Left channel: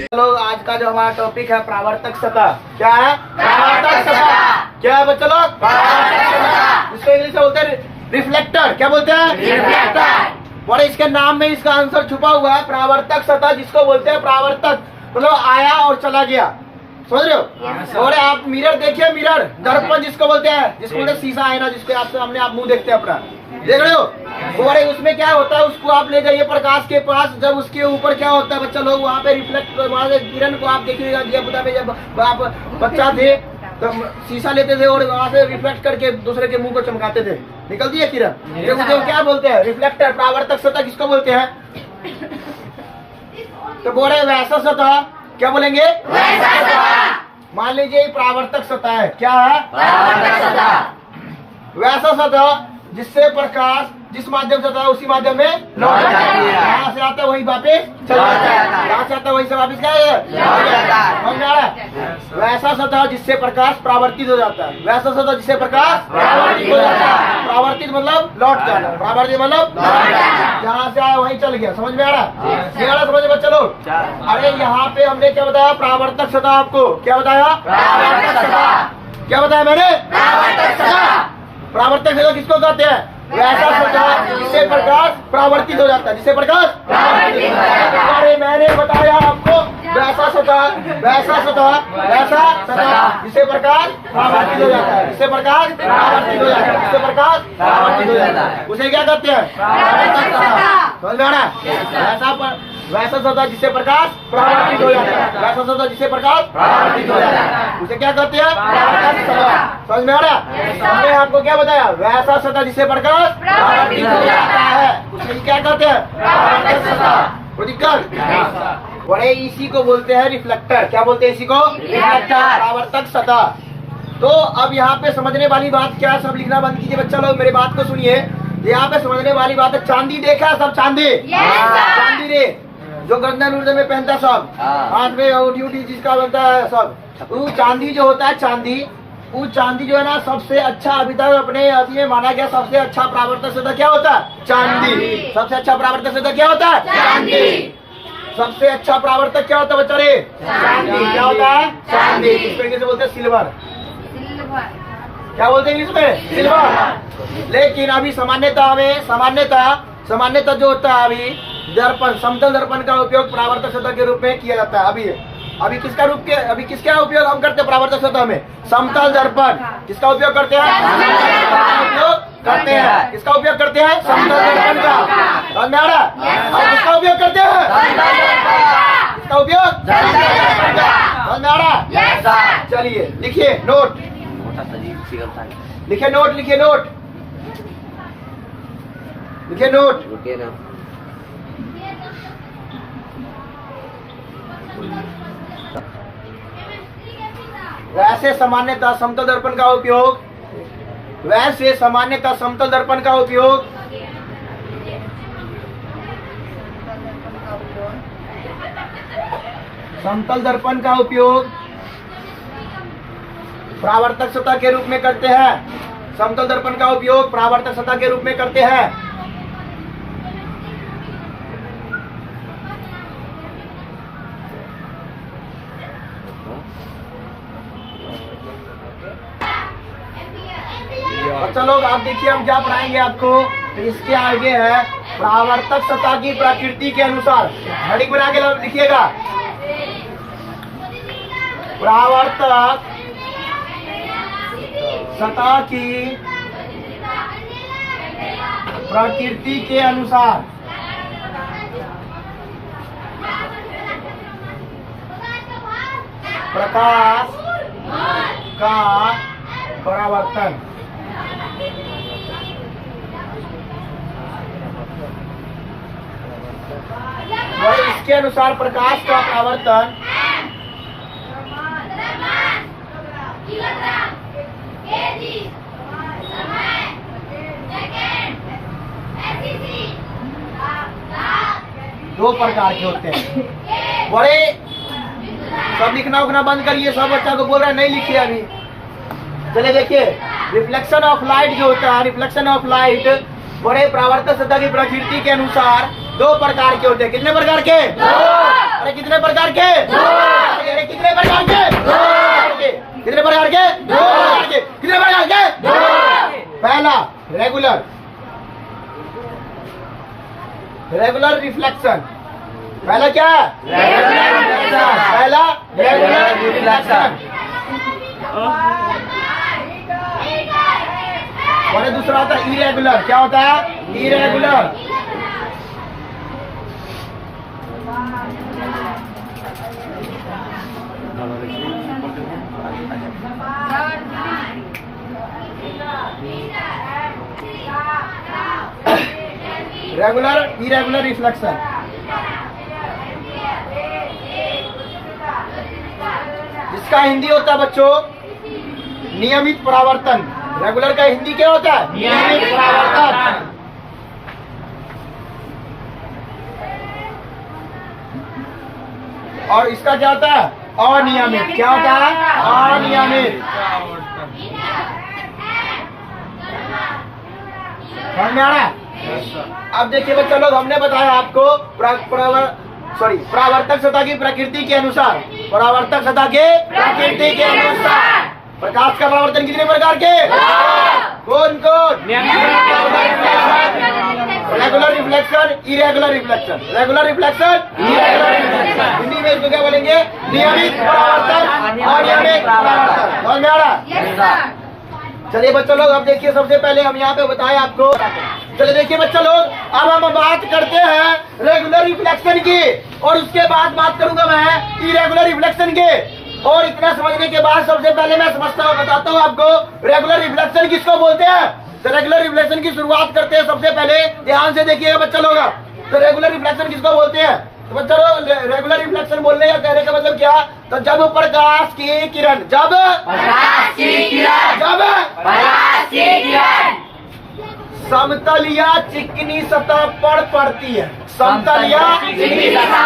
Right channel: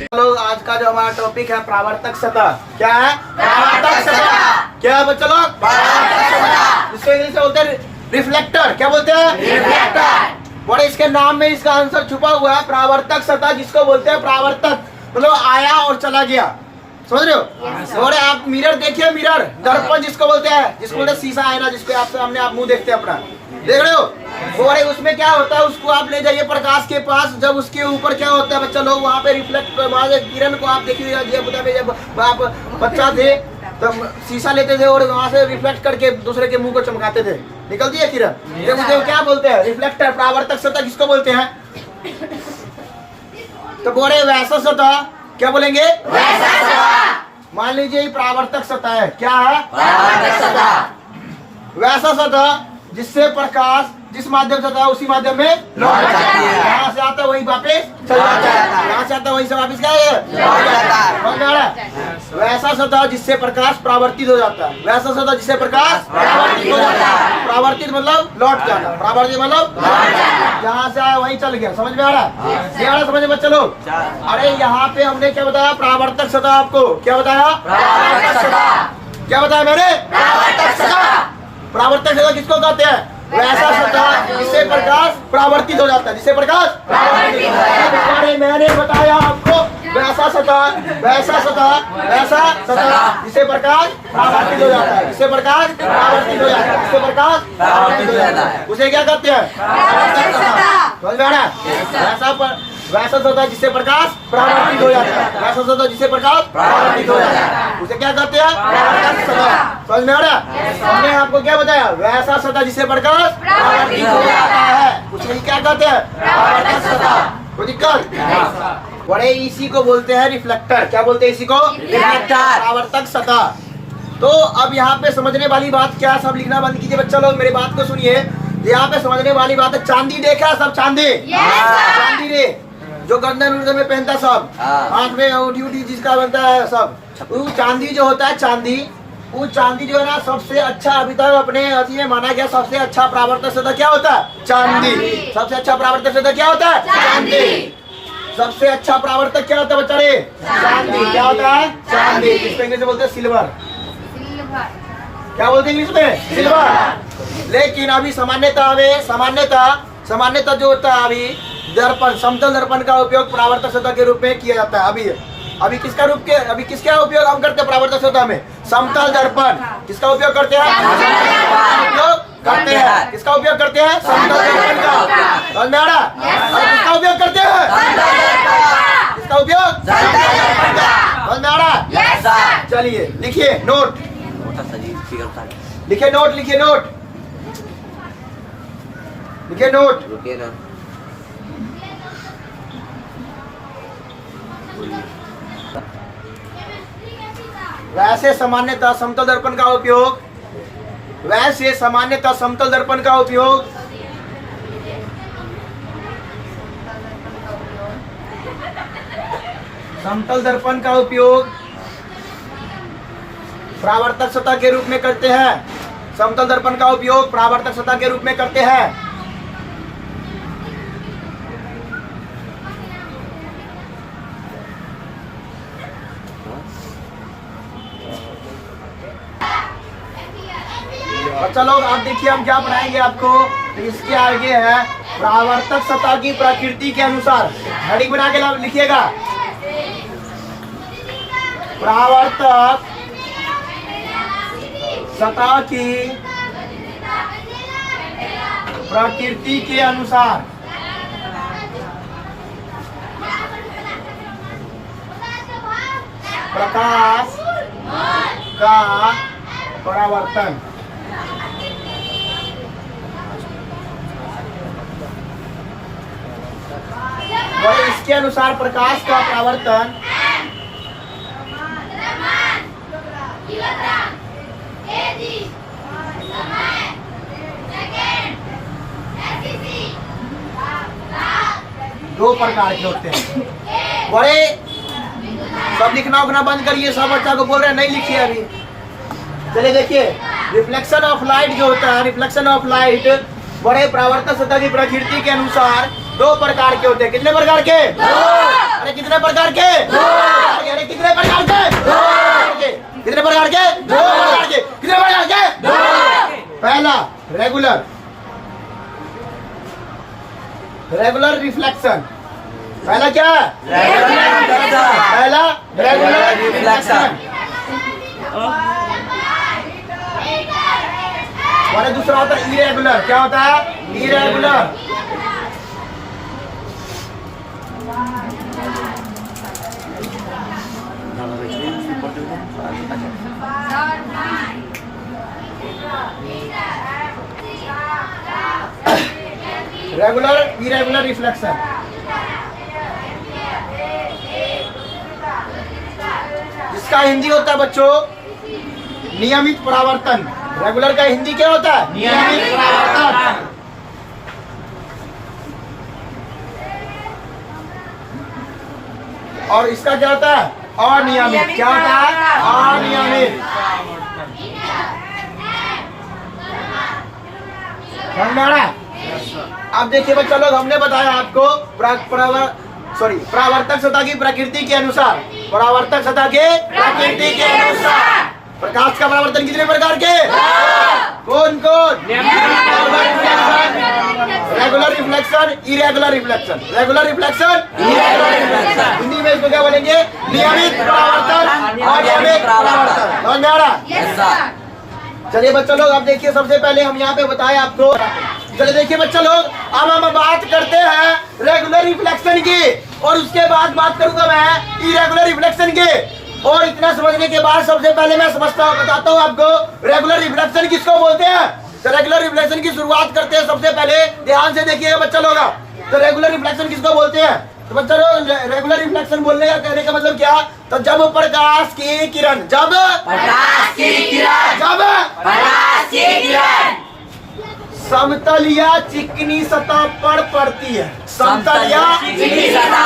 चलो आज का जो हमारा टॉपिक है प्रावर्तक सतह। क्या है? प्रावर्तक सतह। क्या है बच्चों लोग? प्रावर्तक सतह। इसको इंग्लिश में बोलते हैं रिफ्लेक्टर। क्या बोलते हैं? रिफ्लेक्टर। और इसके नाम में इसका आंसर छुपा हुआ है, प्रावर्तक सतह जिसको बोलते हैं प्रावर्तक, मतलब आया और चला गया। समझ रहे हो? और आप मिरर देखिए, मिरर दर्पण जिसको बोलते हैं, जिसको बोलते हैं शीशा, आईना, जिसके आप सामने आप मुंह देखते हैं अपना, देख रहे हो? और उसमें क्या होता है, उसको आप ले जाइए प्रकाश के पास, जब उसके ऊपर क्या होता है बच्चा लोग, वहाँ पे रिफ्लेक्ट, वहाँ से किरण को आप देखिएगा, जब आप बच्चा थे तो शीशा लेते थे और वहाँ से रिफ्लेक्ट करके दूसरे के मुंह को चमकाते थे, निकलती है किरण। ये मुझे क्या बोलते हैं? रिफ्लेक्टर, प्रावर्तक सतह किसको बोलते हैं? तो बोले वैसा सतह, क्या बोलेंगे? वैसा सतह। मान लीजिए प्रावर्तक सतह है। क्या है? प्रावर्तक सतह। वैसा सतह जिससे प्रकाश जिस माध्यम से था उसी माध्यम में लौट जाती है। यहाँ से आता है वही वापस चला जाता है, यहाँ से आता है वही से वापस क्या है? वैसा सतह जिससे प्रकाश परावर्तित हो जाता है। वैसा सतह जिससे प्रकाश परावर्तित हो जाता है। परावर्तित मतलब लौट जाना, परावर्तित मतलब जहाँ से आया वही चल गया। समझ में आ रहा है? ये वाला समझ में चलो। अरे यहाँ पे हमने क्या बताया? प्रावर्तक सतह। आपको क्या बताया? प्रावर्तक सतह। क्या बताया मैंने? प्रावर्तक सतह। प्रावर्तक सतह किसको कहते हैं? वैसा सतह जिससे प्रकाश परावर्तित हो जाता है, जिससे प्रकाश परावर्तित हो जाता है। अरे मैंने बताया आपको वैसा सतह, वैसा सतह, वैसा सतह जिससे प्रकाश परावर्तित हो जाता है, जिससे प्रकाश परावर्तित हो जाता है, जिससे प्रकाश परावर्तित हो जाता है, उसे क्या कहते हैं? प्रावर्तक सतह। समझ में आ रहा है? वैसा सतह जिससे प्रकाश परावर्तित हो जाता है, वैसा सतह जिससे प्रकाश परावर्तित हो जाता है, उसे क्या कहते हैं? प्रावर्तक सतह। समझ में आ रहा है? हमने आपको क्या बताया? वैसा सतह जिससे प्रकाश परावर्तित हो जाता है, उसे क्या कहते हैं? प्रावर्तक सतह। कोई दिक्कत? बड़े इसी को बोलते हैं रिफ्लेक्टर। क्या बोलते हैं इसी को? रिफ्लेक्टर, प्रावर्तक सतह। तो अब यहाँ पे समझने वाली बात क्या, सब लिखना बंद कीजिए बच्चा लोग, मेरी बात को सुनिए। यहाँ पे समझने वाली बात है, चांदी देखा सब? चांदी, चांदी रे जो गर्दन उर्दन में पहनता सब, हाथ में उठी जिसका बनता है सब, वो चांदी जो होता है, चांदी, वो चांदी जो है ना सबसे अच्छा अभी तक अपने अति में माना गया, सबसे अच्छा प्रावर्तक सतह क्या होता है? चांदी। सबसे अच्छा प्रावर्तक सतह क्या होता है? चांदी। सबसे अच्छा प्रावर्तक क्या होता है बच्चा रे? चांदी। क्या होता है? चांदी। इसको इंग्लिश में बोलते हैं सिल्वर। क्या बोलते हैं इंग्लिश में? सिल्वर। लेकिन अभी सामान्यतः जो होता है अभी दर्पण, समतल दर्पण का उपयोग प्रावर्तक सतह के रूप में किया जाता है। अभी किसका उपयोग हम करते हैं प्रावर्तक सतह में? समतल दर्पण। किसका उपयोग करते हैं? उपयोग करते हैं। किसका उपयोग करते हैं? समतल दर्पण का। समझ में आ रहा है? और किसका उपयोग करते हैं? किसका उपयोग? समझ में आ रहा है? चलिए लिखिए नोट, लिखिए नोट, लिखिए नोट, लिखिए नोट। वैसे सामान्यतः समतल दर्पण का उपयोग, वैसे सामान्यतः समतल दर्पण का उपयोग समतल दर्पण का उपयोग प्रावर्तक सतह के रूप में करते हैं। समतल दर्पण का उपयोग प्रावर्तक सतह के रूप में करते हैं। बच्चा लोग आप देखिए हम क्या पढ़ाएंगे आपको। तो इसके आगे है प्रावर्तक सतह की प्रकृति के अनुसार, हेडिंग बना के लिखिएगा, प्रावर्तक सतह की प्रकृति के अनुसार प्रकाश का परावर्तन। और इसके अनुसार प्रकाश का परावर्तन दो प्रकार के होते हैं। बड़े सब लिखना उखना बंद करिए, सब बच्चा को बोल रहे हैं नहीं लिखिए अभी। चलिए देखिए, रिफ्लेक्शन ऑफ लाइट जो होता है, रिफ्लेक्शन ऑफ लाइट बड़े परावर्तक सतह की प्रकृति के अनुसार दो प्रकार के होते हैं। कितने प्रकार के? अरे कितने प्रकार के? अरे कितने प्रकार के? कितने प्रकार के? कितने प्रकार के? पहला रेगुलर रिफ्लेक्शन। पहला क्या? पहला रेगुलर रिफ्लेक्शन। और दूसरा होता है इरेगुलर। क्या होता है? इरेगुलर। Regular irregular reflection. जिसका हिंदी होता है बच्चों नियमित परावर्तन। रेगुलर का हिंदी क्या होता है? नियमित परावर्तन। और इसका क्या होता है? अनियमित। क्या होता है? अनियमित। समझ में आ रहा है? अब देखिए बच्चा लोग, हमने बताया आपको परावर्तक सतह की प्रकृति के अनुसार। परावर्तक सतह के प्रकृति के अनुसार प्रकाश का परावर्तन कितने प्रकार के? कौन कौन? Regular reflection, irregular reflection. Regular reflection, irregular reflection. Hindi में इसको क्या बोलेंगे? नियमित परावर्तन और अनियमित परावर्तन। समझ में आ रहा? चलिए बच्चों लोग, अब देखिए सबसे पहले हम यहाँ पे बताए आपको। चलिए देखिए बच्चों लोग, अब हम बात करते हैं रेगुलर रिफ्लेक्शन की, और उसके बाद बात करूंगा मैं इरेगुलर रिफ्लेक्शन के। और इतना समझने के बाद सबसे पहले मैं बताता हूँ आपको रेगुलर रिफ्लेक्शन किसको बोलते हैं। तो रेगुलर रिफ्लेक्शन की शुरुआत करते हैं। सबसे पहले ध्यान से देखिएगा बच्चा लोग, तो रेगुलर रिफ्लेक्शन किसको बोलते हैं? तो बच्चा लोग, रेगुलर रिफ्लेक्शन बोलने का कहने का मतलब क्या? तो जब प्रकाश की किरण समतल या चिकनी सतह पर पड़ती है। समतल या चिकनी सतह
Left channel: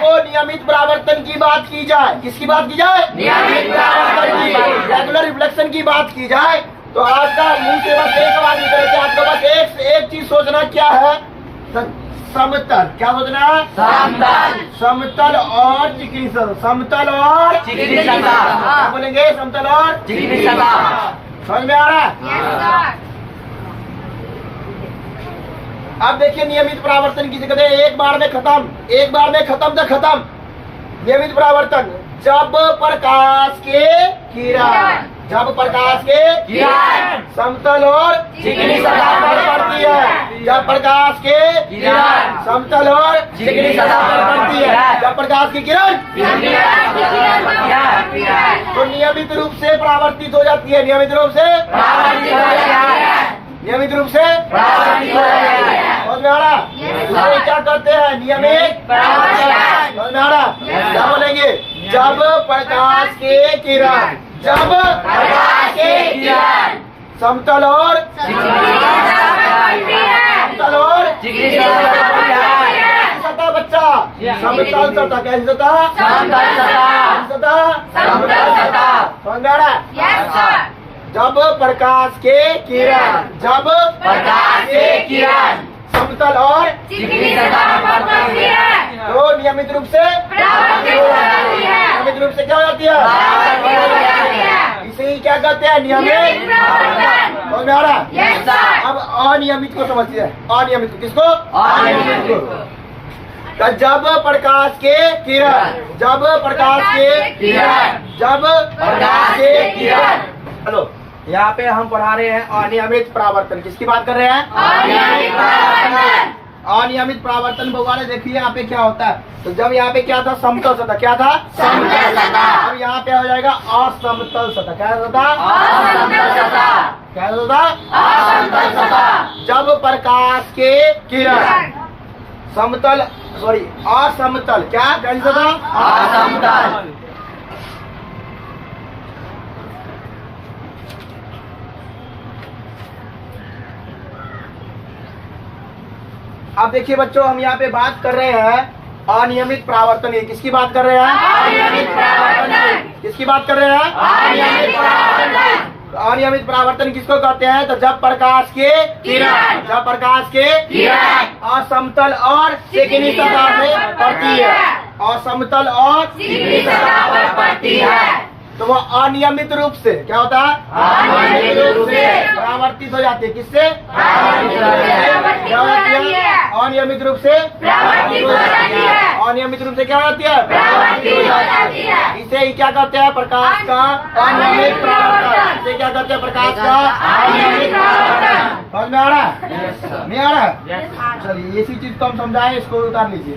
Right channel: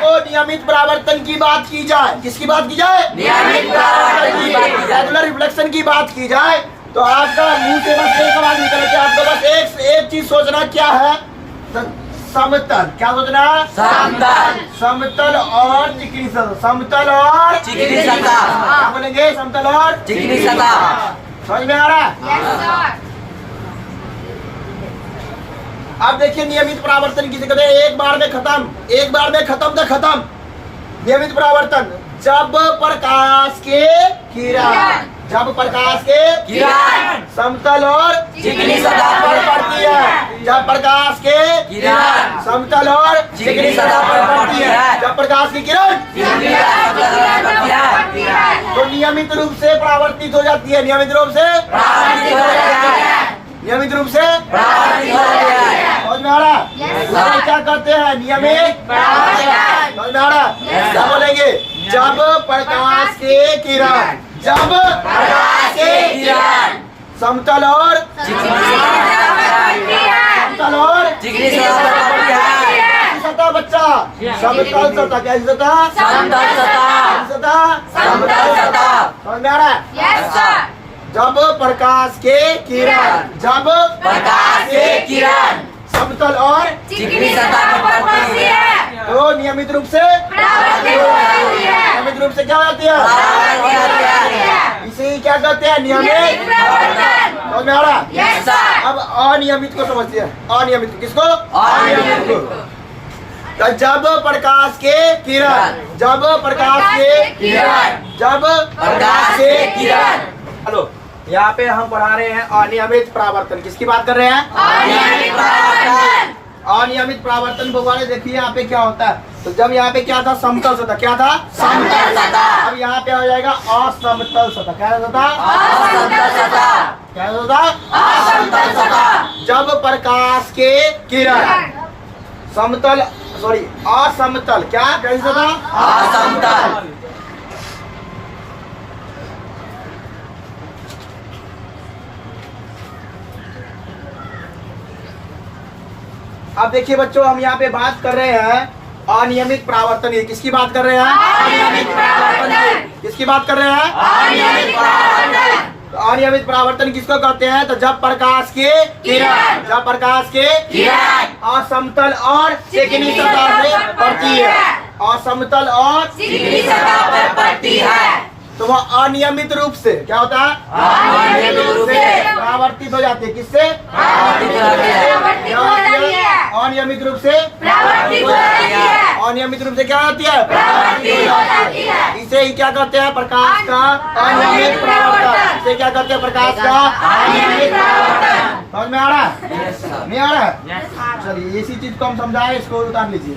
को नियमित परावर्तन की बात की जाए। किसकी बात की जाए? नियमित परावर्तन की। रेगुलर रिफ्लेक्शन की बात की जाए तो आपका मुंह से बस एक बात निकले कि आपको बस एक चीज सोचना क्या है? समतल। क्या सोचना? समतल और चिकनी सतह। समतल और चिकनी सतह। क्या बोलेंगे? समतल और चिकनी सतह। समझ में आ रहा है? अब देखिए नियमित परावर्तन किसे कहते हैं? एक बार में खत्म तो खत्म। नियमित परावर्तन जब प्रकाश के किरण समतल और चिकनी सतह पर पड़ती है। जब प्रकाश के किरण समतल और चिकनी सतह पर पड़ती है। जब प्रकाश की किरण तो नियमित रूप से परावर्तित हो जाती है। नियमित रूप से समझ में आ रहा? क्या करते हैं? नियमित समझ में आ रहा? क्या बोलेंगे? जब प्रकाश के किरण समतल और सतह बच्चा समतल सतह। कैसी सतह? सतह समझ में आ रहा है? जब प्रकाश के किरण समतल और चिकनी सतह पर पड़ती है तो नियमित रूप से क्या होती है? इसे क्या कहते हैं? नियमित। समझ में आ रहा? अब अनियमित को समझते हैं। अनियमित को किसको? अनियमित को। जब प्रकाश के किरण हेलो, यहाँ पे हम पढ़ा रहे हैं अनियमित परावर्तन। किसकी बात कर रहे हैं? अनियमित परावर्तन। भगवान देखिए यहाँ पे क्या होता है। तो जब यहाँ पे क्या था? समतल सतह। क्या था? समतल सतह। अब यहाँ पे हो जाएगा असमतल सतह। क्या होता? क्या होता? असमतल सतह। जब प्रकाश के किरण असमतल। क्या? कैसे होता? असमतल। अब देखिए बच्चों, हम यहाँ पे बात कर रहे हैं अनियमित परावर्तन। किसकी बात कर रहे हैं? अनियमित परावर्तन। किसकी बात कर रहे हैं? अनियमित परावर्तन। तो अनियमित परावर्तन किसको कहते हैं? तो जब प्रकाश के किरण असमतल और चिकनी सतह से पड़ती है, असमतल और चिकनी सतह पर पड़ती है, तो वह अनियमित रूप से क्या होता है? अनियमित रूप से परावर्तित हो जाती है। किससे? अनियमित रूप से अनियमित रूप से क्या होती है? इसे ही क्या कहते हैं? प्रकाश का अनियमित परावर्तन। इसे क्या कहते हैं? प्रकाश का अनियमित परावर्तन। समझ में आ रहा है? नहीं आ रहा है? चलिए इसी चीज को हम समझाएं, इसको उतार लीजिए।